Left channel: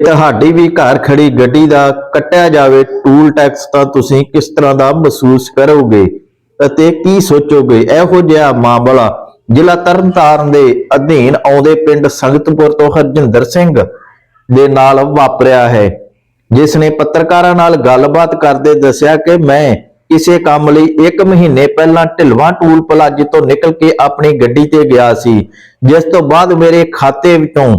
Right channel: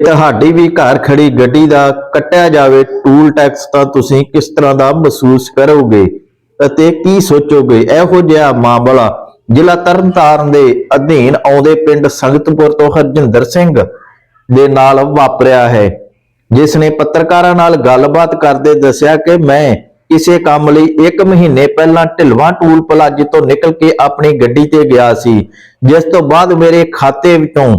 ਤੁਹਾਡੀ ਵੀ ਘਰ ਖੜੀ ਗੱਡੀ ਦਾ ਕੱਟਿਆ ਜਾਵੇ ਟੂਲ ਟੈਕਸ ਤਾਂ ਤੁਸੀਂ ਕਿਸ ਤਰ੍ਹਾਂ ਦਾ ਮਹਿਸੂਸ ਕਰੋਗੇ ਅਤੇ ਕੀ ਸੋਚੋਗੇ? ਇਹੋ ਜਿਹਾ ਮਾਮਲਾ ਜ਼ਿਲ੍ਹਾ ਤਰਨਤਾਰਨ ਦੇ ਅਧੀਨ ਆਉਂਦੇ ਪਿੰਡ ਸੰਗਤਪੁਰ ਤੋਂ ਹਰਜਿੰਦਰ ਸਿੰਘ ਦੇ ਨਾਲ ਵਾਪਰਿਆ ਹੈ, ਜਿਸ ਨੇ ਪੱਤਰਕਾਰਾਂ ਨਾਲ ਗੱਲਬਾਤ ਕਰਦੇ ਦੱਸਿਆ ਕਿ ਮੈਂ ਕਿਸੇ ਕੰਮ ਲਈ 1 ਮਹੀਨੇ ਪਹਿਲਾਂ ਢਿਲਵਾਂ ਟੂਲ ਪਲਾਜ਼ੇ ਤੋਂ ਨਿਕਲ ਕੇ ਆਪਣੀ ਗੱਡੀ ਤੇ ਗਿਆ ਸੀ, ਜਿਸ ਤੋਂ ਬਾਅਦ ਮੇਰੇ ਖਾਤੇ ਵਿੱਚੋਂ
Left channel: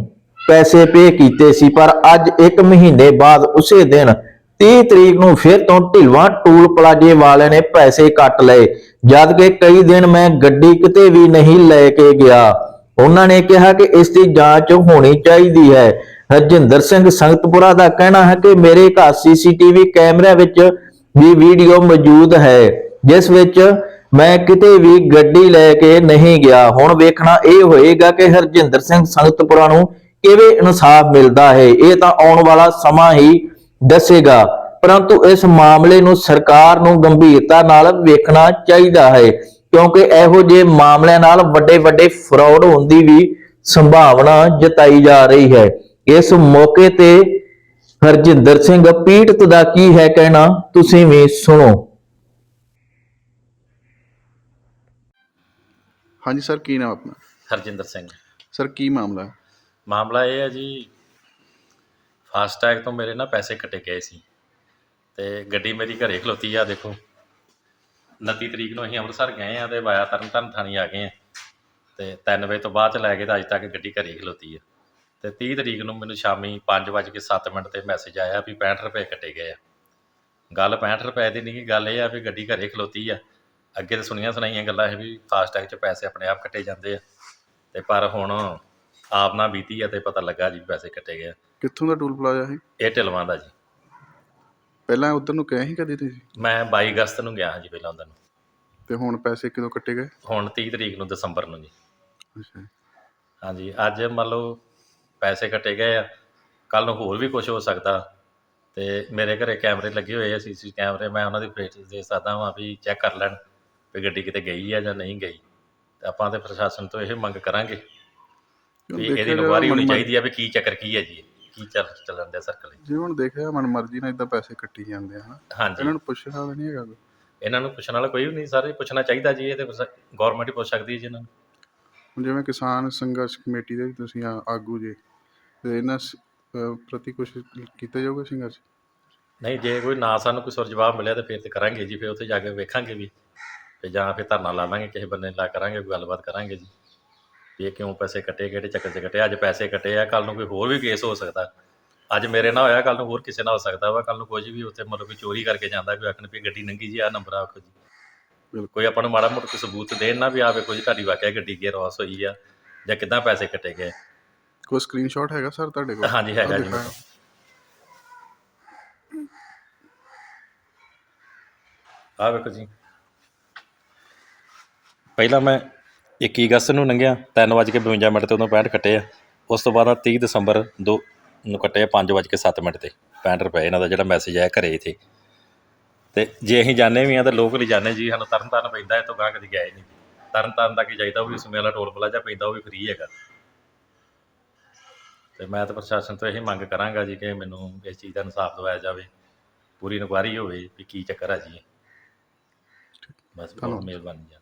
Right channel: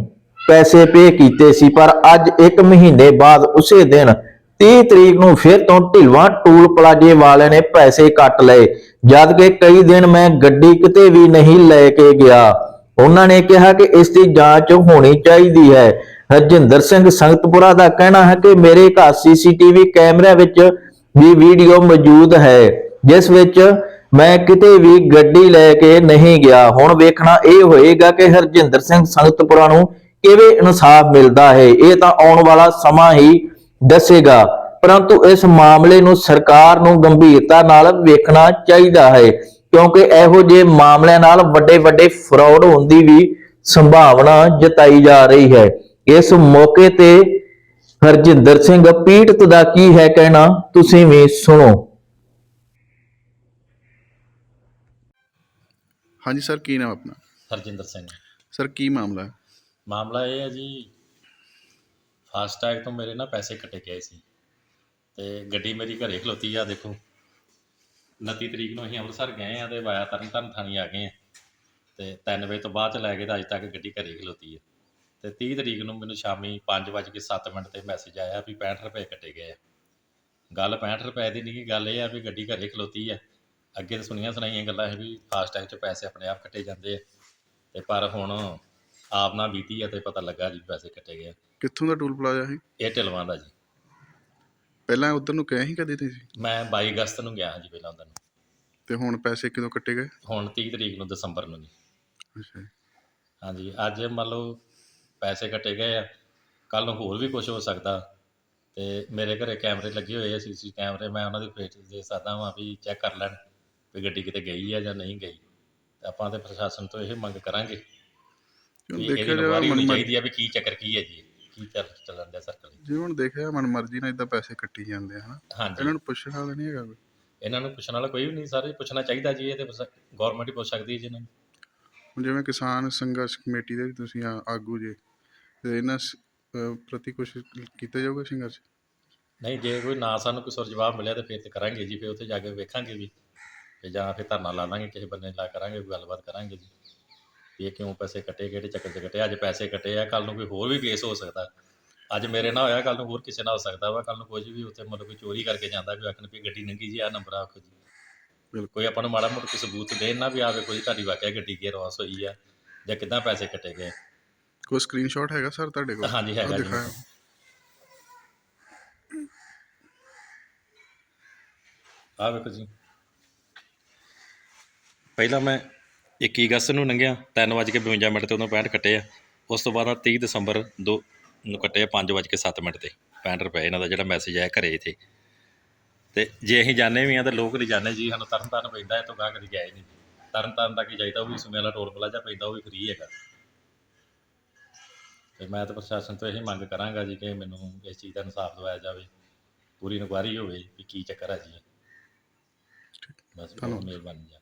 ਪੈਸੇ ਪੇ ਕੀਤੇ ਸੀ, ਪਰ ਅੱਜ 1 ਮਹੀਨੇ ਬਾਅਦ ਉਸੇ ਦਿਨ 30 ਤਰੀਕ ਨੂੰ ਫਿਰ ਤੋਂ ਢਿਲਵਾਂ ਟੂਲ ਪਲਾਜ਼ੇ ਵਾਲਿਆਂ ਨੇ ਪੈਸੇ ਕੱਟ ਲਏ। ਜਦ ਕਿ ਕਈ ਦਿਨ ਮੈਂ ਗੱਡੀ ਕਿਤੇ ਵੀ ਨਹੀਂ ਲੈ ਕੇ ਗਿਆ। ਉਹਨਾਂ ਨੇ ਕਿਹਾ ਕਿ ਇਸ ਦੀ ਜਾਂਚ ਹੋਣੀ ਚਾਹੀਦੀ ਹੈ। ਹਰਜਿੰਦਰ ਸਿੰਘ ਸੰਗਤਪੁਰਾ ਦਾ ਕਹਿਣਾ ਹੈ ਕਿ ਮੇਰੇ ਘਰ ਸੀਸੀਟੀਵੀ ਕੈਮਰਿਆਂ ਵਿੱਚ ਵੀ ਵੀਡੀਓ ਮੌਜੂਦ ਹੈ, ਜਿਸ ਵਿੱਚ ਮੈਂ ਕਿਤੇ ਵੀ ਗੱਡੀ ਲੈ ਕੇ ਨਹੀਂ ਗਿਆ। ਹੁਣ ਵੇਖਣਾ ਇਹ ਹੋਏਗਾ ਕਿ ਹਰਜਿੰਦਰ ਸਿੰਘ ਸੰਗਤਪੁਰਾ ਨੂੰ ਕਿਵੇਂ ਇਨਸਾਫ ਮਿਲਦਾ ਹੈ ਇਹ ਤਾਂ ਆਉਣ ਵਾਲਾ ਸਮਾਂ ਹੀ ਦੱਸੇਗਾ। ਪਰੰਤੂ ਇਸ ਮਾਮਲੇ ਨੂੰ ਸਰਕਾਰ ਨੂੰ ਗੰਭੀਰਤਾ ਨਾਲ ਵੇਖਣਾ ਚਾਹੀਦਾ ਹੈ ਕਿਉਂਕਿ ਇਹੋ ਜਿਹੇ ਮਾਮਲਿਆਂ ਨਾਲ ਵੱਡੇ ਵੱਡੇ ਫਰਾਡ ਹੋਣ ਦੀ ਵੀ ਸੰਭਾਵਨਾ ਜਤਾਈ ਜਾ ਰਹੀ ਹੈ। ਇਸ ਮੌਕੇ ਤੇ ਹਰਜਿੰਦਰ ਸਿੰਘ ਪੀੜਤ ਦਾ ਕੀ ਹੈ ਕਹਿਣਾ ਤੁਸੀਂ ਵੀ ਸੁਣੋ। ਹਾਂਜੀ ਸਰ ਕੀ ਨਾਮ ਆਪਣਾ? ਹਰਜਿੰਦਰ ਸਿੰਘ। ਸਰ ਕੀ ਮਾਮਲਾ ਹੈ? ਮਾਮਲਾ ਇਹ ਹੈ ਜੀ, ਫਾਸਟੈਗ ਤੋਂ ਮੇਰੇ ਨਾ ਪੈਸੇ ਕੱਟੇ ਗਏ ਸੀ ਤੇ ਗੱਡੀ ਮੇਰੀ ਘਰੇ ਖਲੋਤੀ ਆ, ਦੇਖੋ। 29 ਤਰੀਕ ਨੂੰ ਅਸੀਂ ਅੰਮ੍ਰਿਤਸਰ ਗਏ ਆ ਤੇ ਵਾਇਆ ਤਰਨਤਾਰਨ ਥਾਣੀ ਆ ਗਏ ਆ ਤੇ 3 ਵਜੇ ਤੋਂ ਬਾਅਦ ਚ ਲੈ ਕੇ ਤਾਂ ਅੱਜ ਤੱਕ ਗੱਡੀ ਘਰੇ ਖਲੋਤੀ ਆ। ਤੇ 30 ਤਰੀਕ ਨੂੰ ਮੈਨੂੰ ਸ਼ਾਮੀ 5:07 ਮਿੰਟ ਤੇ ਮੈਸੇਜ ਆਇਆ ਵੀ 65 ਰੁਪਏ ਕੱਟੇ ਗਏ ਆ। ਗੱਲ 65 ਰੁਪਏ ਦੀ ਨਹੀਂ ਗੱਲ ਇਹ ਆ ਵੀ ਗੱਡੀ ਘਰੇ ਖਲੋਤੀ ਆ। ਅੱਗੇ ਤਾਂ ਸੁਣੀਆਂ ਸੁਣਾਈਆਂ ਗੱਲਾਂ ਇਹ ਵੀ ਫਾਸਟੈਗ 'ਚ ਪੈਸੇ ਆਪਣੇ ਆਪ ਕੱਟੇ ਜਾਂਦੇ ਆ। ਤੇ ਪਰ ਹੁਣ ਆਪ ਨਾ ਬੀਤੀ ਆ ਤੇ ਪਤਾ ਲੱਗਾ ਜੀ ਪੈਸੇ ਕੱਟੇ ਗਏ ਆ। ਕਿੱਥੋਂ ਦਾ ਟੂਲ ਪਲਾਜ਼ਾ ਹੈ ਇਹ? ਢਿਲਵਾਂ ਦਾ ਜੀ। ਪਹਿਲਾਂ ਉਧਰ ਨੂੰ ਗਏ ਸੀ ਕਦੇ ਤੁਸੀਂ? ਮੈਂ 22 ਅਗਸਤ ਨੂੰ ਗਿਆ ਹਾਂ ਜੀ ਪਹਿਲਾਂ ਉਧਰ ਨੂੰ। ਤੇ ਹੁਣ ਪੈਸੇ ਕਿਦੋਂ ਕੱਟੇ ਗਏ? ਹੁਣ 30 ਤਰੀਕ ਨੂੰ ਦਸੰਬਰ ਨੂੰ ਜੀ। ਅੱਛਾ। ਹਾਂਜੀ ਅੱਜ ਮੰਨ ਲਓ ਪੈਸੇ ਕੱਟੇ ਗਏ ਆ। ਕੱਲ ਨੂੰ ਹੋਰ ਵੀ ਕੁਝ ਹੋ ਸਕਦਾ। ਤੇ ਮੇਰੇ ਘਰੇ ਕੈਮਰੇ ਲੱਗੇ ਹੋਏ ਆ ਸੀਸੀ ਕੈਮਰੇ। ਮੈਂ ਉਹਨਾਂ ਦੀ ਫੇਟ ਦੇ ਸਕਦਾ ਹਾਂ ਵੀ ਚੈੱਕ ਕਰ ਲੈਣ ਵੀ ਗੱਡੀ ਕਿਤੇ ਗਈ ਆ ਜਾਂ ਨਹੀਂ ਗਈ। ਤੇ ਆਪਾਂ ਤੇ ਪ੍ਰਸ਼ਾਸਨ ਤੋਂ ਇਹ ਮੰਗ ਕਰਾਂਗੇ। ਦੇਖਿਆ ਇਹਦੀ ਇਨਕੁਆਰੀ ਹੋਣੀ ਚਾਹੀਦੀ ਆ ਵੀ ਕੀ ਚੱਕਰ ਕੀ ਹੈ ਜੀ ਕੀ ਚੱਲ ਚੱਲਣ ਦੇ ਸਰਕਲ ਜਿਵੇਂ ਹੁਣ ਦੇਖਿਆ ਮਨ ਮਰਜ਼ੀ ਨਾਲ ਇਦਾਂ ਪੈਸੇ ਕੱਟੀ ਜਾਂਦੇ ਆ ਹਨਾ? ਹਾਂਜੀ। ਇਹਨਾਂ ਨੂੰ ਪੁੱਛਣ ਵਾਲਾ ਨਹੀਂ ਹੈਗਾ। ਇਹਨਾਂ ਨੂੰ ਪੁੱਛਣ ਵਾਲਾ ਕੋਈ ਵੀ ਨਹੀਂ ਸਾਰੇ ਪੁੱਛਣਾ ਚਾਹੀਦਾ ਜੀ ਇਹ ਤੇ ਗਵਰਨਮੈਂਟ ਹੀ ਪੁੱਛ ਸਕਦੀ ਹੈ ਜੀ ਇਹਨਾਂ ਨੂੰ। ਹੁਣ ਜਿਵੇਂ ਕਿਸਾਨ ਸੰਘਰਸ਼ ਕਮੇਟੀ ਦੇ ਵੀ ਤੁਸੀਂ ਆ- ਆਗੂ ਜੇ ਤੇ ਇਹਨਾਂ ਪ੍ਰਤੀ ਕੁਝ ਕੀਤਾ ਜਾਊਗਾ ਸੰਘਰਸ਼? ਨਹੀਂ ਜੇ ਕੋਈ ਨਾ ਸਾਨੂੰ ਕੋਈ ਸੁਰ ਜਵਾਬ ਮਿਲਿਆ ਤਾਂ ਫਿਰ ਤੇ ਕਰਾਂਗੇ ਜੀ ਫਿਰ ਉੱਥੇ ਜਾ ਕੇ ਵੇਖਾਂਗੇ ਵੀ। ਤੇ ਜਾਂ ਫਿਰ ਧਰਨਾ ਲਾ ਲਾਂਗੇ ਕਿਸੇ ਬੰਦੇ ਲਾ ਕਰਾਂਗੇ ਕੋਈ ਗੱਲਬਾਤ ਕਰਾਂਗੇ ਜੀ। ਵੀ ਇਹ ਕਿਉਂ ਪੈਸੇ ਕੱਟੇ ਕਿਹੜੇ ਚੱਕਰ 'ਚ ਕੱਟੇ? ਅੱਜ ਪੈਸੇ ਕੱਟੇ ਆ ਕੱਲ ਨੂੰ ਕੋਈ ਹੋਰ ਵੀ ਕੇਸ ਹੋ ਸਕਦਾ। ਅੱਜ ਮੇਰੇ ਨਾਲ ਹੋਇਆ ਕੱਲ ਨੂੰ ਹੋਰ ਕਿਸੇ ਨਾਲ ਹੋ ਸਕਦਾ ਵਾ ਕੱਲ ਨੂੰ ਕੁਝ ਵੀ ਉੱਥੇ ਮਤਲਬ ਕੋਈ ਚੋਰੀ ਕਰਕੇ ਜਾਂਦਾ ਵੀ ਆਖਣ ਵੀ ਗੱਡੀ ਨੰਗੀ ਜੀ ਆ ਨੰਬਰ ਆਖੋ ਜੀ। ਕੋਈ ਆਪਾਂ ਨੂੰ ਮਾੜਾ ਮੋਟਾ ਕੋਈ ਸਬੂਤ ਦੇਣ ਨਾ ਵੀ ਆ ਵੇਖੋ ਜੀ ਤੁਹਾਡੀ ਵਾਕਿਆ ਗੱਡੀ ਗੇਅਰ ਵਾਸ ਹੋਈ ਆ ਜਾਂ ਕਿੱਦਾਂ ਪੈਸੇ ਕੱਟੇ ਗਏ। ਕੋਈ ਸਕਰੀਨਸ਼ਾਟ ਹੈਗਾ ਸਰ ਤੁਹਾਡੇ ਕੋਲ? ਹਾਂਜੀ ਹੈਗਾ ਜੀ। ਆਹ ਵੇਖੋ ਜੀ। ਪਹਿਲਾਂ ਮੈਂ 21 ਅਗਸਤ ਨੂੰ ਲੰਘਿਆ 3:52 ਮਿੰਟ ਤੇ ਉਦੋਂ 65 ਕੱਟੇ ਆ। ਉਸ ਤੋਂ ਬਾਅਦ 30 ਦਸੰਬਰ ਦੋ ਨੂੰ ਕੱਟੇ ਆ 5:07 ਮਿੰਟ ਤੇ 65 ਰੁਪਏ ਇਹਨਾਂ ਦਾ ਜਿਹੜਾ ਮੈਸੇਜ ਆਇਆ ਘਰੇ ਇਥੇ। ਤੇ ਜੇ ਅਸੀਂ ਜਾਣੇ ਵੀ ਆ ਤਾਂ ਲੋਕਲ ਹੀ ਜਾਣੇ ਜੀ ਸਾਨੂੰ ਤਰਨ ਤਾਰਨ ਪੈਂਦਾ ਇਹ ਤੋਂ ਗਾਂ ਕਦੀ ਗਏ ਨਹੀਂ। ਤਰਨ ਤਾਰਨ ਤੱਕ ਹੀ ਜਾਈਦਾ ਉਹ ਵੀ ਸਮੇਂ ਵਾਲਾ ਟੋਲ ਪਲਾਜ਼ਾ ਪੈਂਦਾ ਉਹ ਵੀ ਫ੍ਰੀ ਹੈਗਾ। ਤੇ ਮੈਂ ਤਾਂ ਪ੍ਰਸ਼ਾਸਨ ਤੋਂ ਇਹੀ ਮੰਗ ਕਰਾਂਗਾ ਜੀ ਕਿ ਮੈਨੂੰ ਇਸ ਚੀਜ਼ ਦਾ ਇਨਸਾਫ ਦਿਵਾਇਆ ਜਾਵੇ ਪੂਰੀ ਇਨਕੁਆਇਰੀ ਹੋਵੇ ਵੀ ਕੀ ਚੱਕਰ ਹੈ ਜੀ। ਬਸ ਬਹੁਤ। ਮਿਹਰਬਾਨੀ ਜੀ।